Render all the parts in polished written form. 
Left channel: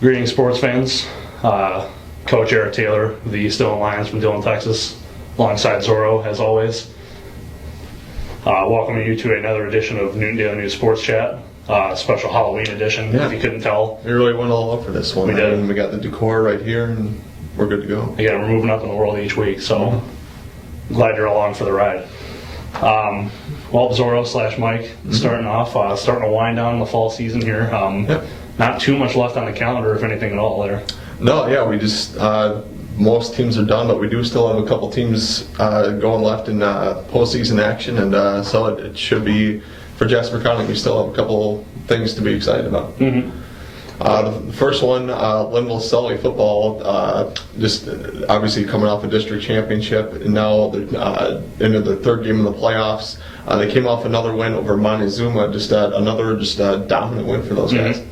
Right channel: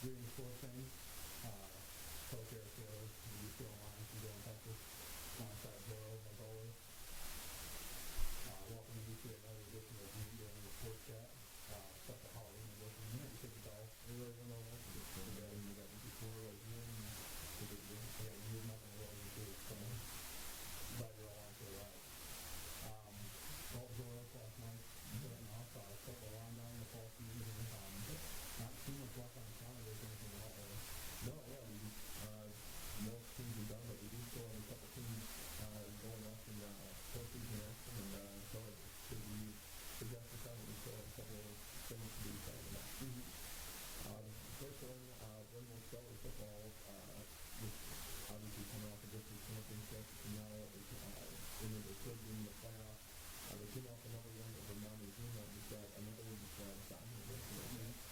Greetings, sports fans. Coach Eric Taylor, the Stone Lions from Dillon, Texas, alongside Zoro, as always. Welcoming you to another edition of NDN Sports Chat, special Halloween edition, if you couldn't tell. We really went all out for this one. We did. We got the decor right here, and we're good to go. Again, we're moving up in the world each week, so glad you're along for the ride. Well, Zoro / Mike, starting to wind down the fall season here. Not too much left on the calendar, if anything at all, there. No, yeah, we just most teams are done, but we do still have a couple teams going left in postseason action, and so it should be for Jasper County. We still have a couple things to be excited about. The first one, Linville Sully football, just obviously coming off a district championship, and now they're into the third game of the playoffs. They came off another win over Montezuma, another dominant win for those guys.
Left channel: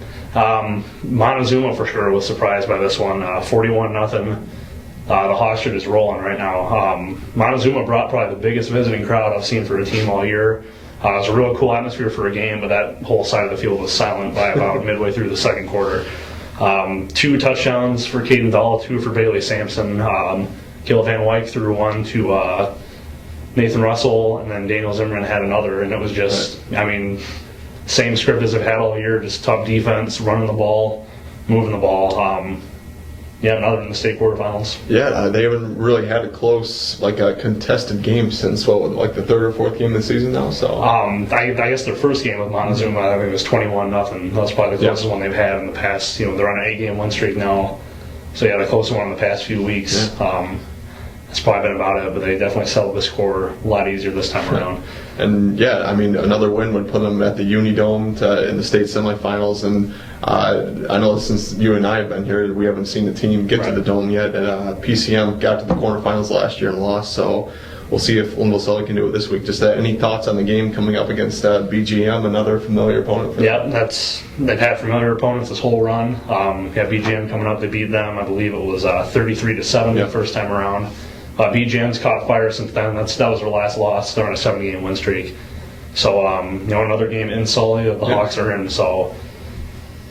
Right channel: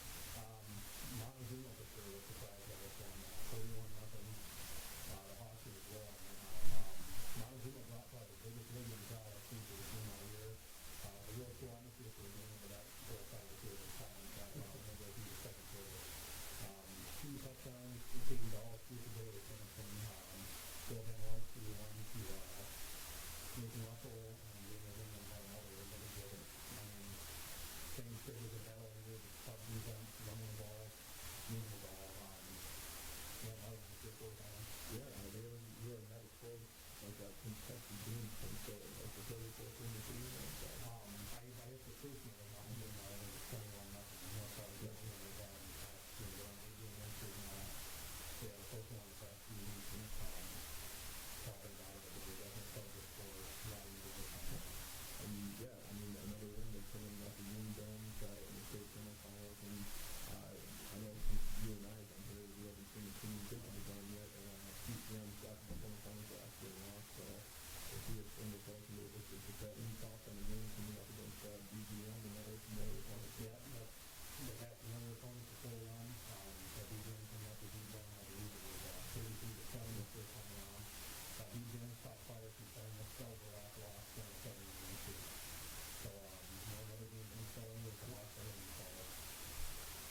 Montezuma for sure was surprised by this one, 41-0. The Hawks are just rolling right now. Montezuma brought probably the biggest visiting crowd I've seen for a team all year. It was a real cool atmosphere for a game, but that whole side of the field was silent by about midway through the second quarter. 2 touchdowns for Caden Dahl, 2 for Bailey Sampson. Gil Van Wyk threw one to Nathan Russell, and then Daniel Zimmerman had another, and it was just, same script as they've had all year, just tough defense, running the ball, moving the ball. Other than the state quarterfinals. Yeah, they haven't really had a close, a contested game since, the third or fourth game of the season now, so. I guess their first game with Montezuma, I think it was 21-0. That's probably the closest one they've had in the past. They're on an 8-game win streak now. So, the closest one in the past few weeks. That's probably been about it, but they definitely settled the score a lot easier this time around. And another win would put them at the Unidome in the state semifinals. And I know since you and I have been here, we haven't seen the team get to the Dome yet. And PCM got to the quarterfinals last year and lost. So we'll see if Linville Sully can do it this week. Just any thoughts on the game coming up against BGM, another familiar opponent for them? They've had familiar opponents this whole run. BGM coming up, they beat them. I believe it was 33-7 the first time around. BGM's caught fire since then. That was their last loss. They're on a 7-game win streak. So, another game in Sully that the Hawks are in. So,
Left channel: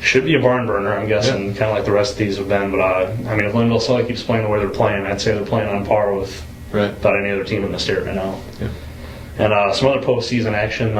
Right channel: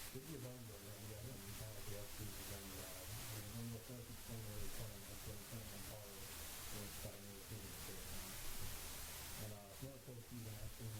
should be a barn burner, I'm guessing, kind of like the rest of these have been. But, if Linville Sully keeps playing the way they're playing, I'd say they're playing on par with about any other team in the state right now. And some other postseason action.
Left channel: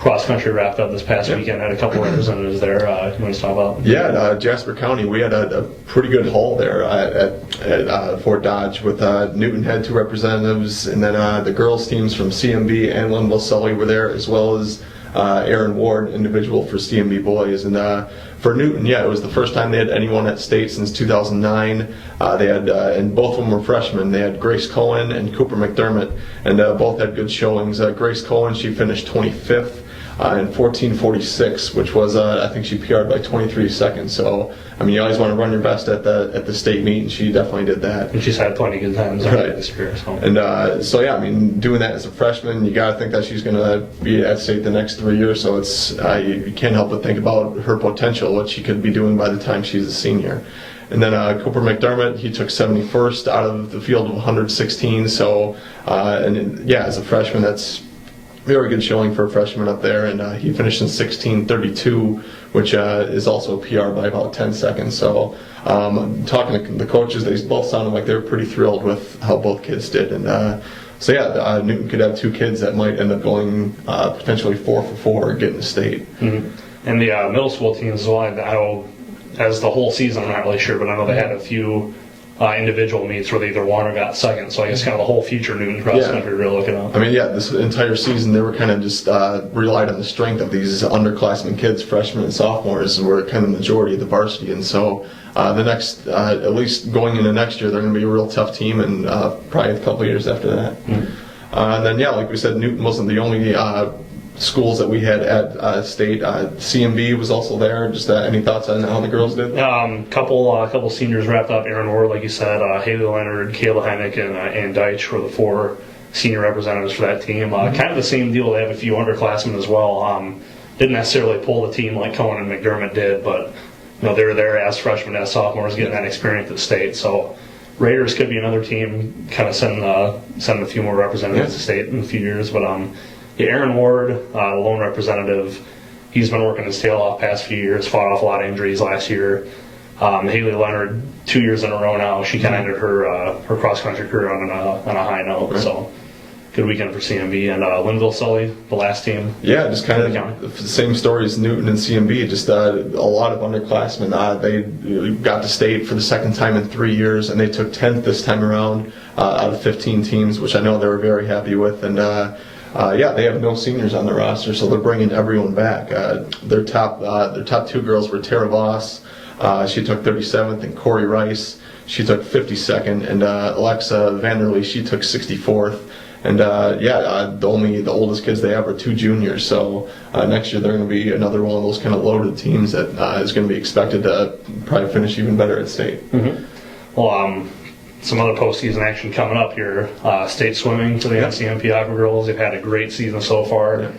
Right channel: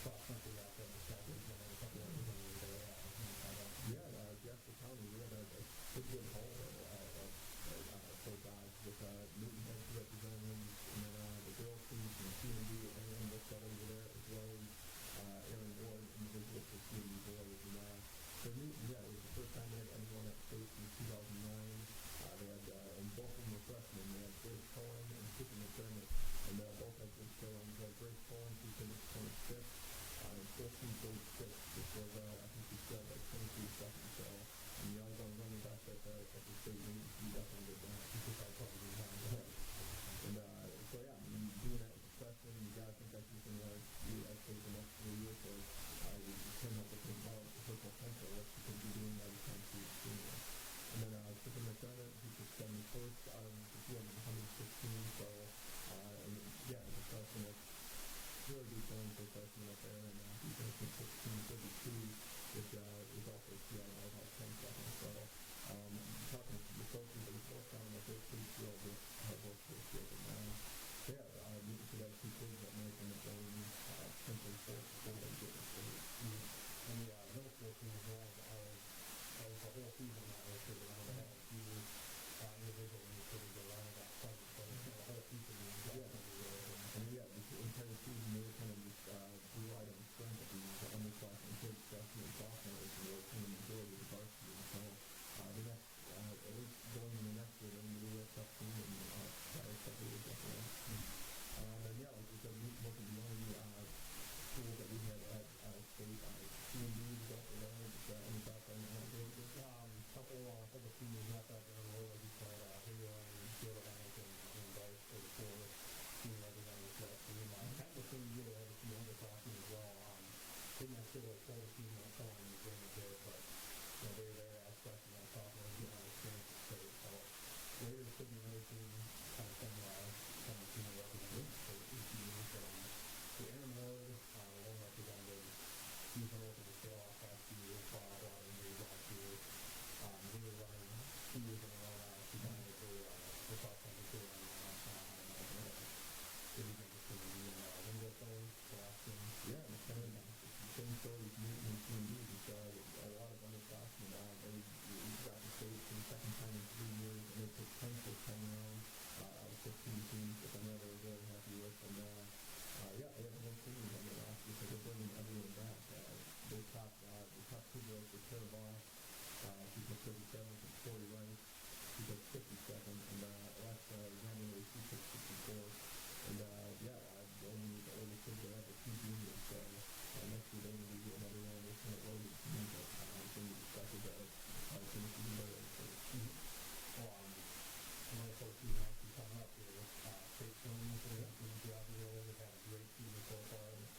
Cross country wrapped up this past weekend. Had a couple of representatives there. You want to talk about? Jasper County. We had a pretty good haul there at Fort Dodge with Newton had 2 representatives, and then the girls teams from CMB and Linville Sully were there, as well as Aaron Ward, individual for CMB boys. And for Newton, it was the first time they had anyone at state since 2009. They had, and both of them were freshmen. They had Grace Cohen and Cooper McDermott, and both had good showings. Grace Cohen, she finished 25th in 14:46, which was, I think she PR'd by 23 seconds. So, you always want to run your best at the state meet, and she definitely did that. And she's had plenty of good times this year. So. And doing that as a freshman, you got to think that she's going to be at state the next 3 years. So it's you can't help but think about her potential, what she could be doing by the time she's a senior. And then Cooper McDermott, he took 71st out of the field of 116. So, as a freshman, that's very good showing for a freshman up there, and he finished in 16:32, which is also a PR by about 10 seconds. So talking to the coaches, they both sounded like they were pretty thrilled with how both kids did. And Newton could have 2 kids that might end up going potentially 4 for 4 getting the state. And the middle school teams as well, I know as the whole season, I'm not really sure, but I know they had a few individual meets where they either won or got second. So I guess kind of the whole future Newton cross country we're looking at. This entire season they were kind of just relied on the strength of these underclassmen kids, freshmen and sophomores, were kind of the majority of the varsity. And so the next, at least going into next year, they're going to be a real tough team, and probably a couple of years after that. And then, like we said, Newton wasn't the only schools that we had at state. CMB was also there. Just any thoughts on how the girls did? Couple seniors wrapped up. Aaron Ward, like you said, Haley Leonard, Kayla Heineck, and Ann Deitch were the 4 senior representatives for that team. Kind of the same deal. They have a few underclassmen as well. Didn't necessarily pull the team like Cohen and McDermott did, but they were there as freshmen, as sophomores, getting that experience at state. So Raiders could be another team, kind of send a few more representatives to state in a few years. But Aaron Ward, the lone representative, he's been working his tail off past few years, fought off a lot of injuries last year. Haley Leonard, 2 years in a row now. She kind of ended her cross country career on a high note. Right. So good weekend for CMB. And Linville Sully, the last team. Yeah, just kind of the same story as Newton and CMB. Just a lot of underclassmen. They got to state for the second time in 3 years, and they took 10th this time around out of 15 teams, which I know they were very happy with. And yeah, they have no seniors on the roster, so they're bringing everyone back. Their top two girls were Tara Voss. She took 37th, and Corey Rice, she took 52nd, and Alexa Vanderlee, she took 64th. And the oldest kids they have are 2 juniors. So next year they're going to be another one of those kind of loaded teams that is going to be expected to probably finish even better at state. Mm-hmm. Well, some other postseason action coming up here. State swimming for the NCMP Aqua Girls. They've had a great season so far.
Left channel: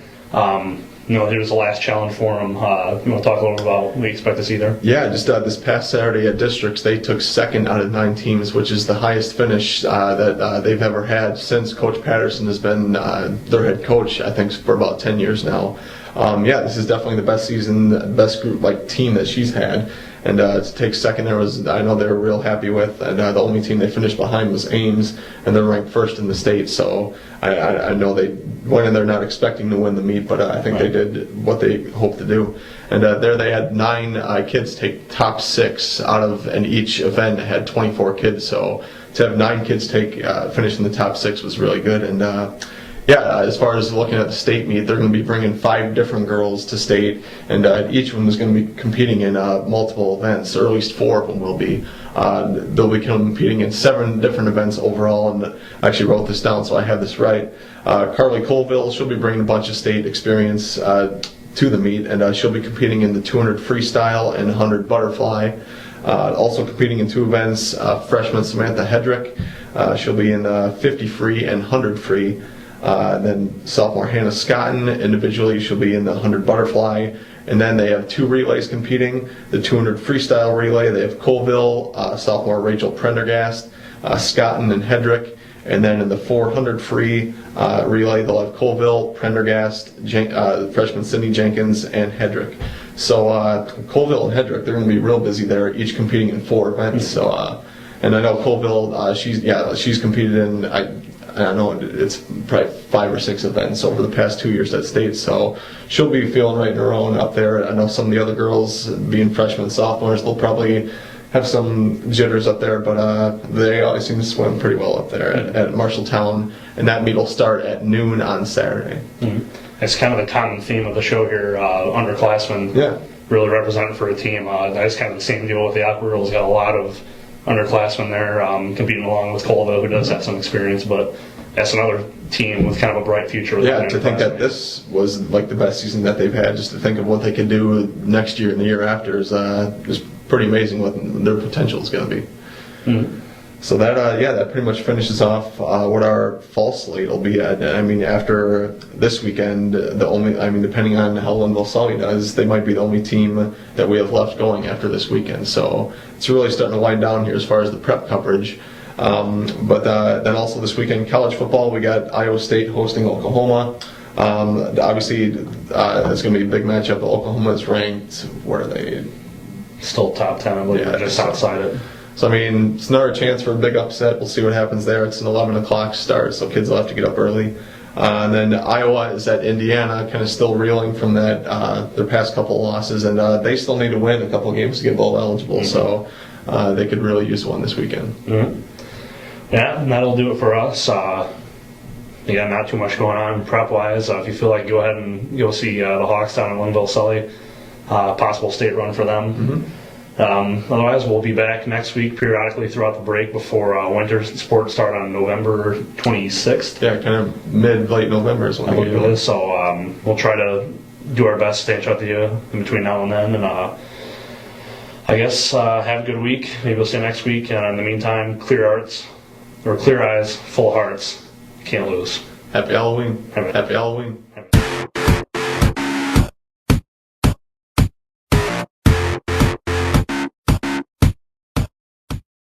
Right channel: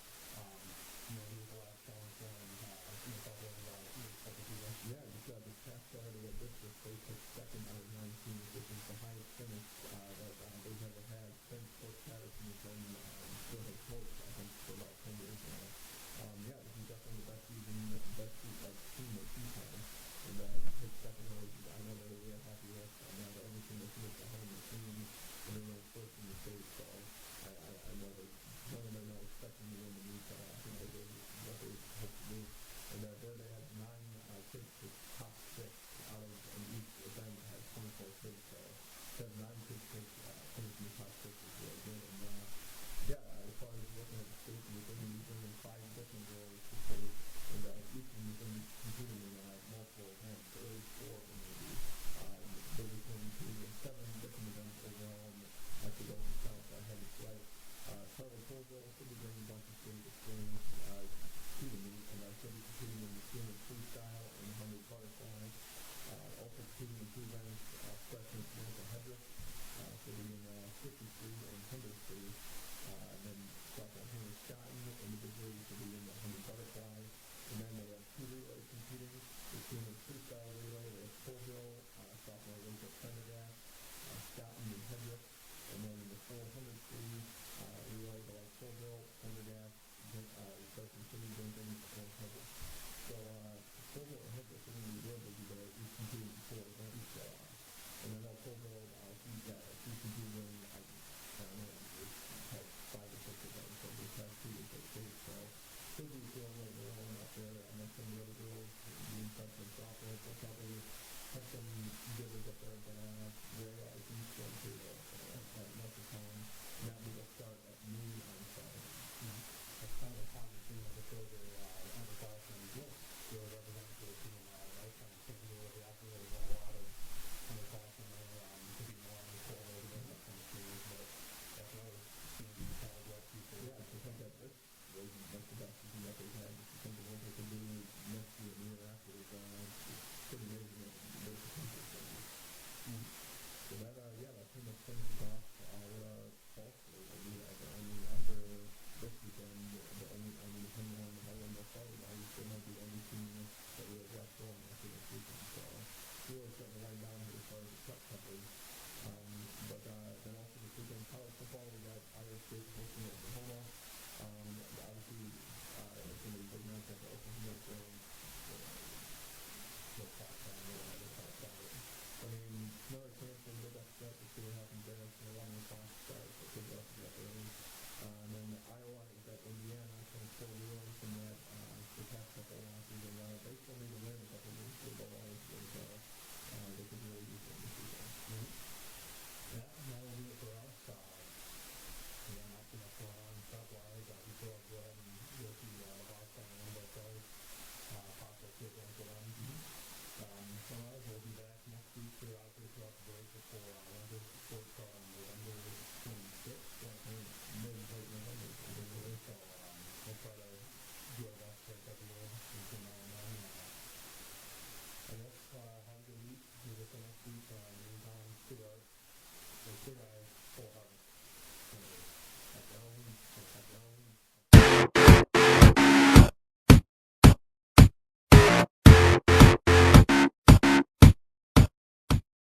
Here's the last challenge for them. You want to talk a little about what we expect to see there? Yeah, just this past Saturday at districts, they took 2nd out of 9 teams, which is the highest finish that they've ever had since Coach Patterson has been their head coach, I think, for about 10 years now. This is definitely the best season, best group team that she's had. And to take 2nd, I know they were real happy with. And the only team they finished behind was Ames, and they're ranked 1st in the state. So I know they went in there not expecting to win the meet, but I think they did what they hoped to do. And there they had 9 kids take top 6 out of, and each event had 24 kids. So to have 9 kids finish in the top 6 was really good. And as far as looking at the state meet, they're going to be bringing 5 different girls to state, and each of them is going to be competing in multiple events, or at least 4 of them will be. They'll be competing in 7 different events overall, and I actually wrote this down so I have this right. Carly Colville, she'll be bringing a bunch of state experience to the meet, and she'll be competing in the 200 freestyle and 100 butterfly. Also competing in 2 events, freshman Samantha Hedrick, she'll be in 50 free and 100 free. Then sophomore Hannah Scotton, individually she'll be in the 100 butterfly. And then they have 2 relays competing, the 200 freestyle relay. They have Colville, sophomore Rachel Prendergast, Scotton and Hedrick. And then in the 400 free relay, they'll have Colville, Prendergast, freshman Cindy Jenkins, and Hedrick. So Colville and Hedrick, they're going to be real busy there, each competing in 4 events. So, and I know Colville, she's competed in, I know it's probably 5 or 6 events over the past 2 years at state, so she'll be feeling right in her own up there. I know some of the other girls, being freshmen and sophomores, they'll probably have some jitters up there, but they always seem to swim pretty well up there at Marshalltown, and that meet will start at noon on Saturday. Mm-hmm. It's kind of the common theme of the show here, underclassmen really represented for a team. That's kind of the same deal with the Aqua Girls. Got a lot of underclassmen there competing along with Colville, who does have some experience, but that's another team with kind of a bright future. To think that this was the best season that they've had, just to think of what they could do next year and the year after is pretty amazing what their potential is going to be. Mm-hmm. So that pretty much finishes off what our fall slate will be at. I mean, after this weekend, depending on how Linville Sully does, they might be the only team that we have left going after this weekend. So it's really starting to wind down here as far as the prep coverage. But then also this weekend, college football, we got Iowa State hosting Oklahoma. Obviously, it's going to be a big matchup. Oklahoma is ranked, where are they? Still top 10, I believe, just outside it. So, I mean, it's another chance for a big upset. We'll see what happens there. It's an 11 o'clock start, so kids will have to get up early. And then Iowa is at Indiana, kind of still reeling from that their past couple of losses, and they still need to win a couple of games to get bowl eligible, so they could really use one this weekend. Mm-hmm. Yeah, and that'll do it for us. Not too much going on prep-wise. If you feel like, go ahead and go see the Hawks down in Linville Sully. Possible state run for them. Mm-hmm. Otherwise, we'll be back next week periodically throughout the break before winter sports start on November 26th. Yeah, kind of late November is when we do it. So we'll try to do our best to stay in touch with you in between now and then. And I guess have a good week. Maybe we'll see you next week. And in the meantime, clear eyes, full hearts. Can't lose. Happy Halloween. Happy Halloween.